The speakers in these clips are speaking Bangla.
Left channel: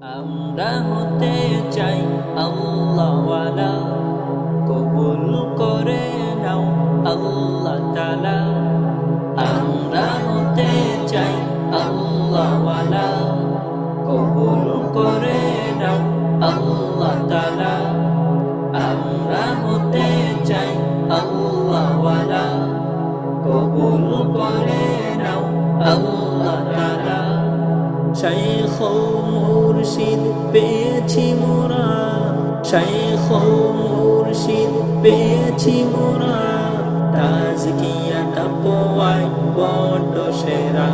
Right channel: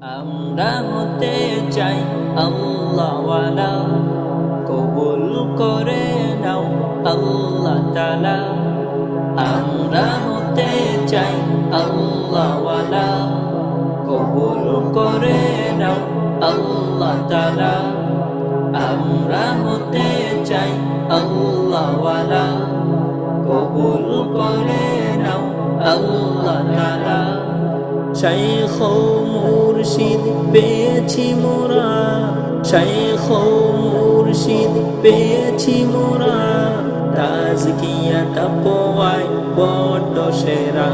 আমরা হতে চাই আল্লাহওয়ালা, কবুল করে নাও আল্লাহ তাআলা। আমরা হতে চাই আল্লাহওয়ালা, কবুল করে নাও আল্লাহ তাআলা। আমরা হতে চাই আল্লাহওয়ালা, কবুল করে নাও আল্লাহ তাআলা। শাইখ ও মুর্শিদ পেয়েছি মোরা, শাইখ ও মুর্শিদ পেয়েছি মোরা, তাজকিয়া তাকওয়ায় বড় সেরা,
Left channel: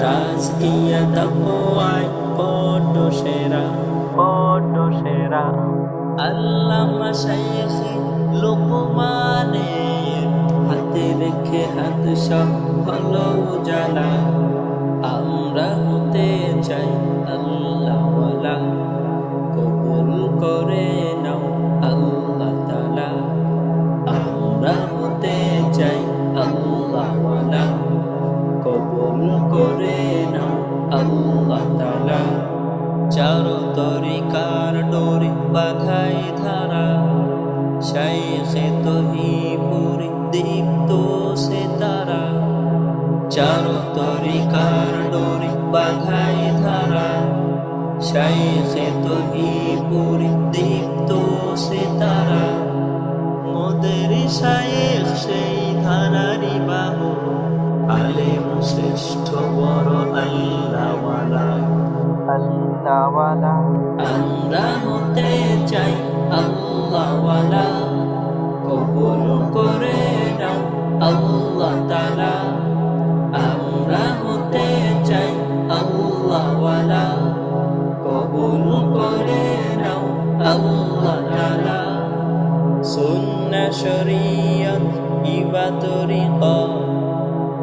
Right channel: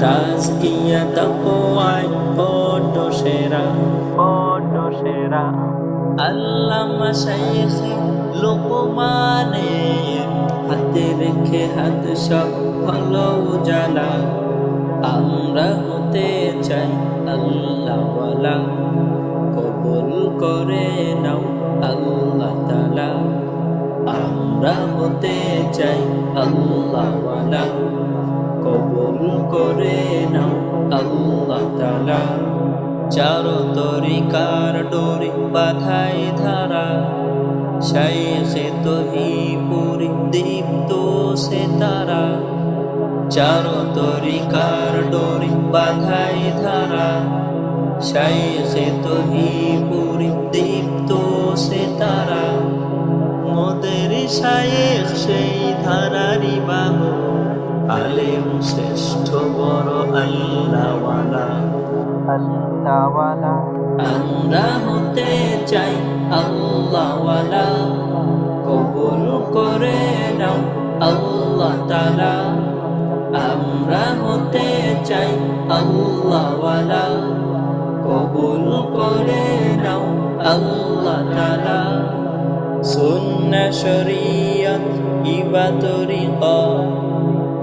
তাজকিয়া তাকওয়ায় বড় সেরা, বড় সেরা। আল্লামা শাইখ লোকমানের হাতে রেখে হাত সব হলো উজালা। আমরা হতে চাই আল্লাহওয়ালা, কবুল করে নাও আল্লাহ তাআলা। আমরা হতে চাই আল্লাহওয়ালা, কবুল করে নাও আল্লাহ তাআলা। চার তরিকার ডোরি বাঁধাই ধারা, শাইখে তহিপুরি দীপ্ত সে তারা। চার তরিকার ডোরি বাঁধাই ধারা, শাইখে তহিপুরি দীপ্ত সে তারা। মোদের শাইখ সেই ধারারি বাহক, আলেম শ্রেষ্ঠ বড় আল্লাহওয়ালা, আল্লাহওয়ালা। আমরা হতে চাই আল্লাহওয়ালা, কবুল করে নাও আল্লাহ তাআলা। আমরা হতে চাই আল্লাহওয়ালা, কবুল করে নাও আল্লাহ তাআলা। সুন্নাহ শরীয়ত ইবা তরিকত,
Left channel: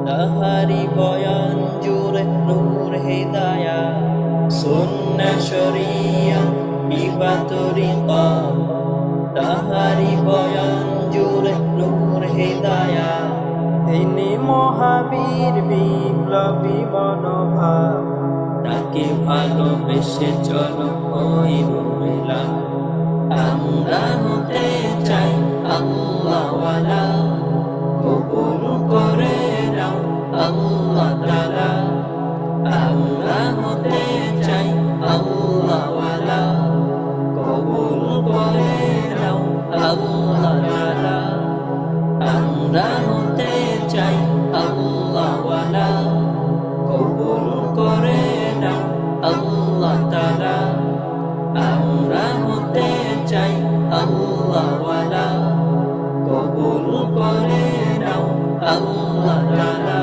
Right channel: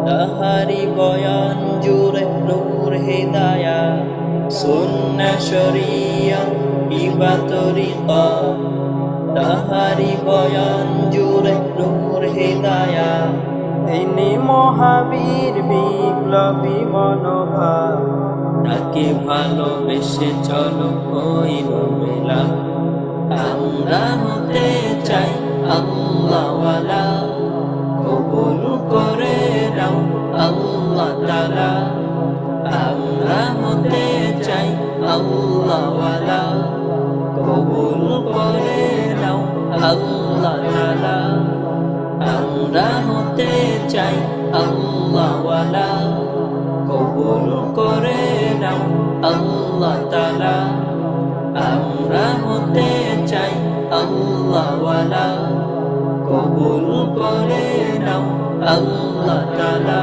তাহারি বয়ান জুড়ে নূর হিদায়াত। সুন্নাহ শরীয়ত ইবা তরিকত, তাহারি বয়ান জুড়ে নূর হিদায়াত। তিনি মহাবীর বিপ্লবী মনোভাব, তাকে ভালোবেসে চলো ওই রুমেলা। আমরা হতে চাই আল্লাহওয়ালা, কবুল করে নাও আল্লাহ তাআলা। আমরা হতে চাই আল্লাহওয়ালা, কবুল করে নাও আল্লাহ তাআলা। আমরা হতে চাই আল্লাহওয়ালা, কবুল করে নাও আল্লাহ তাআলা। আমরা হতে চাই আল্লাহওয়ালা, কবুল করে নাও আল্লাহ তাআলা।